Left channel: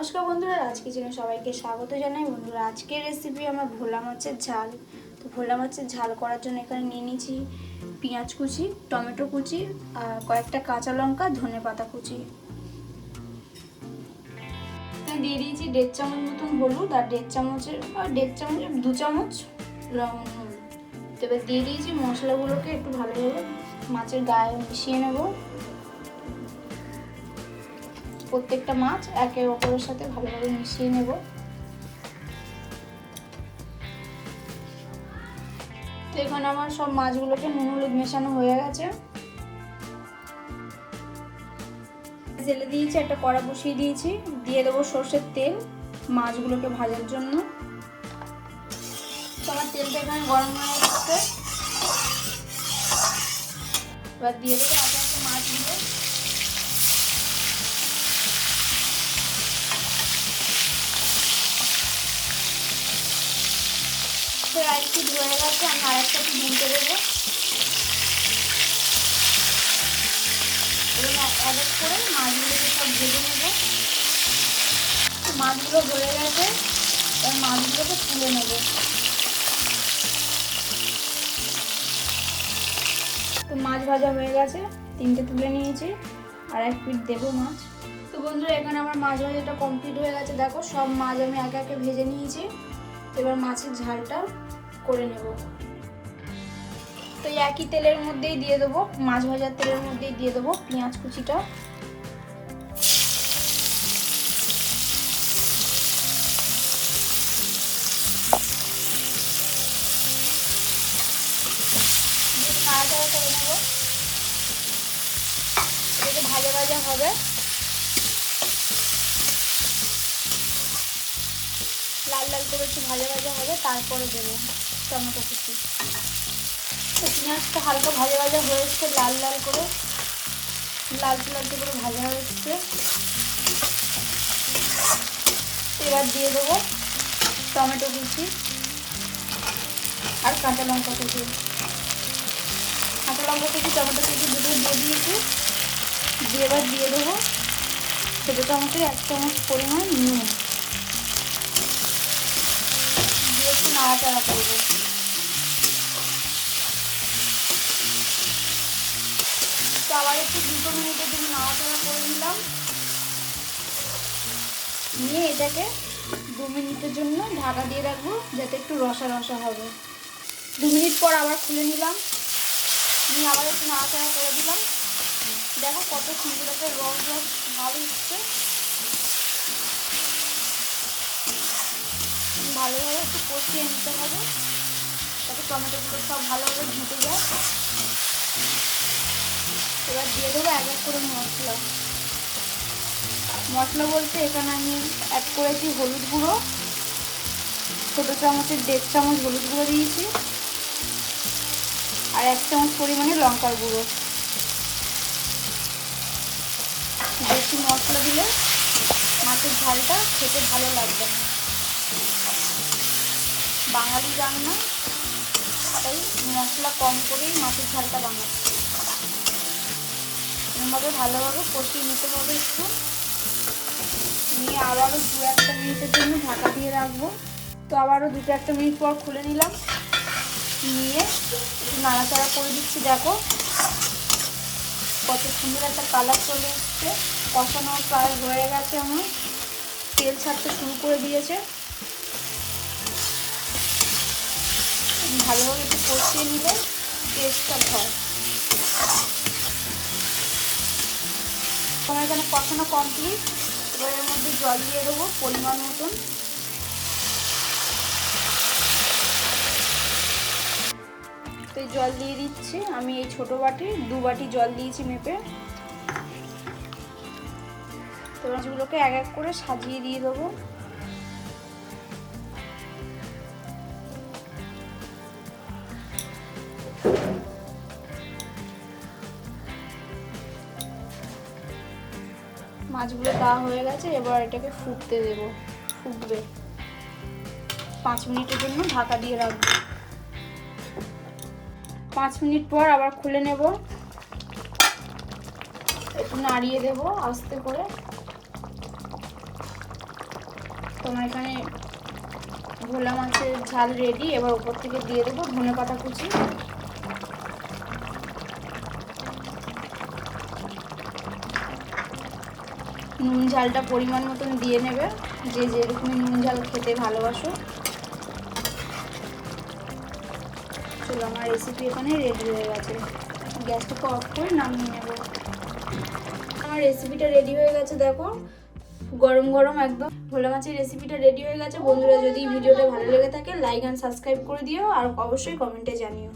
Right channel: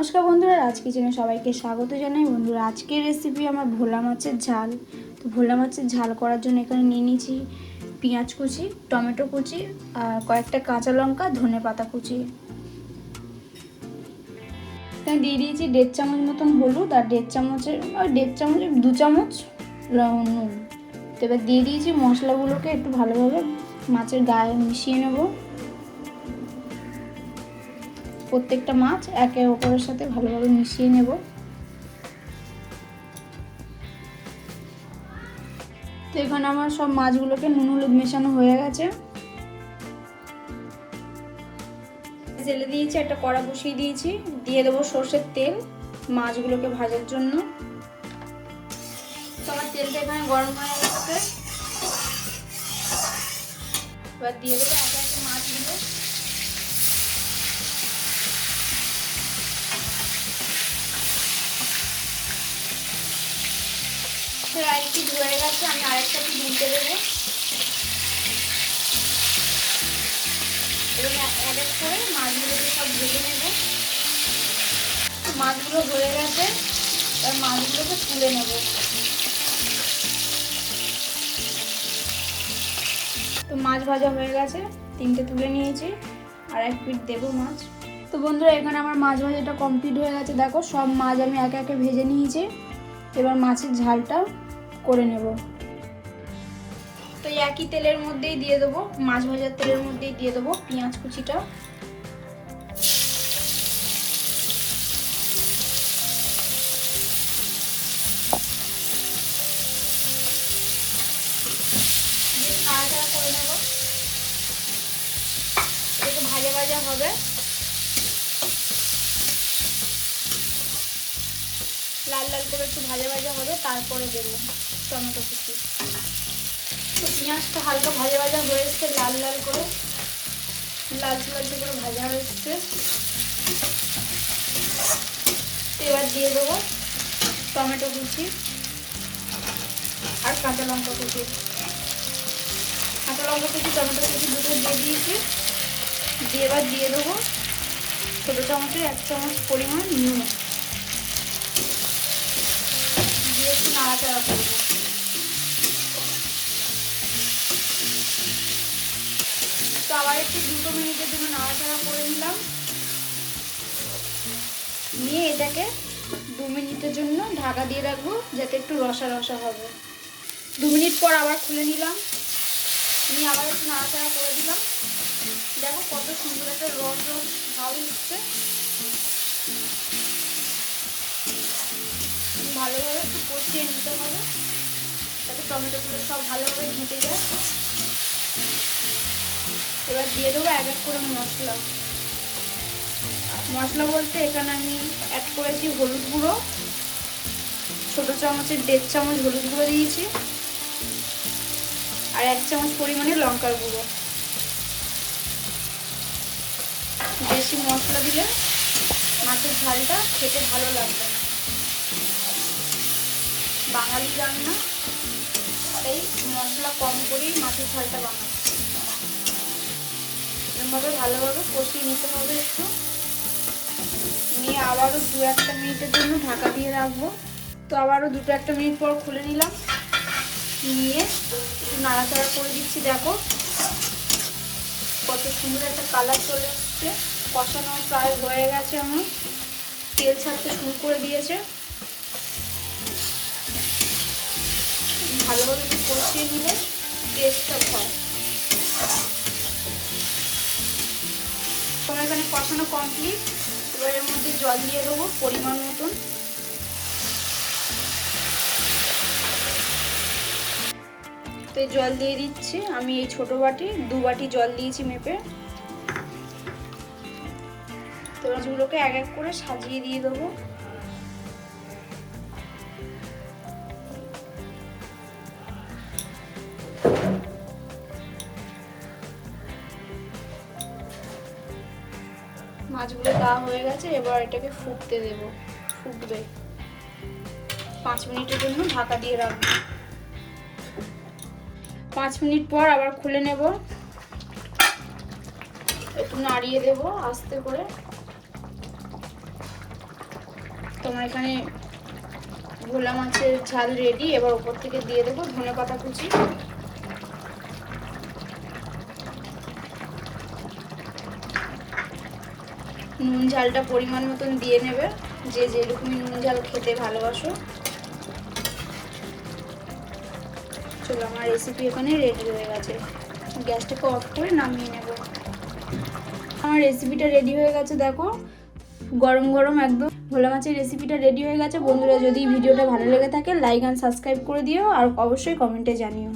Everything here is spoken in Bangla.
নমস্কার বন্ধুরা, আজ কিচেনে সবাইকে স্বাগত জানাই। বন্ধুরা, আজকের রেসিপি আমার ভোলা মাছের ঝাল। তো ভোলা মাছের ঝাল করার জন্য এখানে নিয়ে নিয়েছি পেঁয়াজ কুচি, টমেটো কুচি আর কয়েকটা কাঁচা লঙ্কা, ধনে পাতা কুচি। এখানে দিয়ে দিয়েছি 1.5 চামচ মতন হলুদ আর 1.5 চামচের 2 চামচ নুন। তো এবার দিয়ে দিয়েছি মশলাগুলোকে একটু ভালোভাবে মাছের গায়ে মিশিয়ে নেব। প্রত্যেকটা মাছ একে অপরের সাথে ভালোভাবে মিশিয়ে নেব। তো এখানে আমার সব মাছগুলোকে নুন হলুদ মেশানো হয়ে গেছে। জেলে দিয়েছি, একটা কড়া বসিয়ে দিয়েছি, দিয়ে দেবো সর্ষের তেল মাছগুলোকে ভাজার জন্য। আমার তেলটা এখানে গরম হয়ে গেছে, এবার দিয়ে দেবো মাছগুলো। আরেকটি ধরে গেছে, আমি আরেকটা উল্টে দেবো। এক এক করে মাছগুলোকে সব ভেজে নেবে। মাছগুলো হয়ে গেছে, আর মাছগুলোকে তুলে নেব। তো মাছ ভাজা হয়ে গেছে, 3টে তুলে নিয়েছি, আর 1 পিঠ দেবো মাছ। তো বন্ধুরা, এখানে আমার মাছ ভাজাটা কমপ্লিট হয়ে গেছে। দেখো, সব মাছ আমি একে একে ভেজে নিয়েছি। এবার মাছের ঝালটা করে নেব। তো এই একই তেলের মধ্যেই দিয়ে দেবো, মাছ ভাজার তেলের মধ্যেই দিয়ে দেবো পেঁয়াজ কুচিটা। একটু ভাজা ভাজা হবে, লাল লাল করে একটু ভাজা ভাজা হবে, তারপরে দেবো টমেটো কুচি। পেঁয়াজটা হালকা ভাজা ভাজা হয়ে এসছে, লাল লাল করে লালচে করে ভাজা হয়ে এসছে। এবার দিয়ে দেবো টমেটো কুচি আর কাঁচা লঙ্কা কুচি। টমেটো কুচি দুটো দিয়ে দিয়েছি। দিয়ে এবার দিয়ে দেবো ছোটো চামচে 1 চামচ পরিমাণ নুন, দিয়ে একটু নাড়াচাড়া করবো। তো আবার একটু 2 মিনিটের জন্য নাড়াচাড়া করে নিলাম, নিয়ে এটাকে 2 মিনিটের জন্য ঢাকা দিয়ে রাখবো, যাতে একটু রসা রসা হবে। 2 মিনিট পর আবার খুলে নিলাম, নিয়ে আবার একটু নাড়াচাড়া করে দিলাম। দেখো কত সুন্দর একটা রস রস ভাব হচ্ছে। ভালোভাবে একটু কষিয়ে নিতে হবে, যাতে টমেটোগুলো সব ভালোভাবে ঘেটে যায়। এবার দিয়ে দেবো এক এক করে মশলা বলতে এখানে আমি অ্যাড করেছি হলুদ গুঁড়ো, ছোটো চামচের 1.5 চামচ হলুদ গুঁড়ো দিয়েছি, আর 1 চামচ পরিমাণে লঙ্কার গুঁড়ো। বেশি মশলা দিলে মাছের ঝালটা খেতে ভালো লাগবে না, বাঙালি রান্না, তাই মশলা কম করেই মাছের ঝালটা বানাচ্ছি। এরমধ্যে ভালোভাবে কষিয়ে নিতে হবে একটু, নিয়ে আবারও 2-1 মিনিটের জন্য ঢাকা দিয়ে রাখবো। তো আবারও 2-1 মিনিট পর খুলে নিলাম, নিয়ে নাড়াচাড়া করে দিচ্ছি। দেখো কত সুন্দর একটা কালার চলে এসছে, কষানো প্রায় হয়ে গেছে, আমার তেল ছাড়তে শুরু করে দিয়েছে। ভালোভাবে একটু কষিয়ে নিলে টেস্টটা হয়। তোমার এখানে কষানো কমপ্লিট। এবার এর মধ্যে জল দিয়ে দেবো পরিমাণ মতন। তো জল দিয়ে দিচ্ছি, আমি এই ছোট বাটি 2 বাটি জল দিয়েছি মেপে। তো মাছগুলোকে এক এক করে সাজিয়ে দিয়ে দেবো। মাছগুলো দেওয়া হয়ে গেছে, এবার এটাকে ফুটতে দেবো, ফুটবে। 5 মিনিটের জন্য ঢাকা দিয়ে রাখবো। 5 মিনিট পর আবার খুলে নেব, একটু নাড়িয়ে দেবো আস্তে করে। তোমার এখানে ভোলা মাছের ঝাল রেডি। এবার উপর থেকে দিয়ে দেবো ধনেপাতা কুচি। নুন ঝালটা পরিমাণ মতন দিয়ে নেবে, যে যেরকমই নুন ঝাল খেতে ভালোবাসো। চলো আমার রেসিপি এখানে রেডি হয়ে গেছে, গ্যাসটাকে অফ করে নামিয়ে নেব। আমার রেসিপিটা রেডি হয়ে গেছে, দেখো গরম গরম একদম ভোলা মাছের রেসিপিটা রেডি হয়ে গেছে। বন্ধুরা যদি ভিডিওটা ভালো লেগে থাকে লাইক অ্যান্ড সাবস্ক্রাইব করে দিও, আর অবশ্যই কমেন্টে জানিও।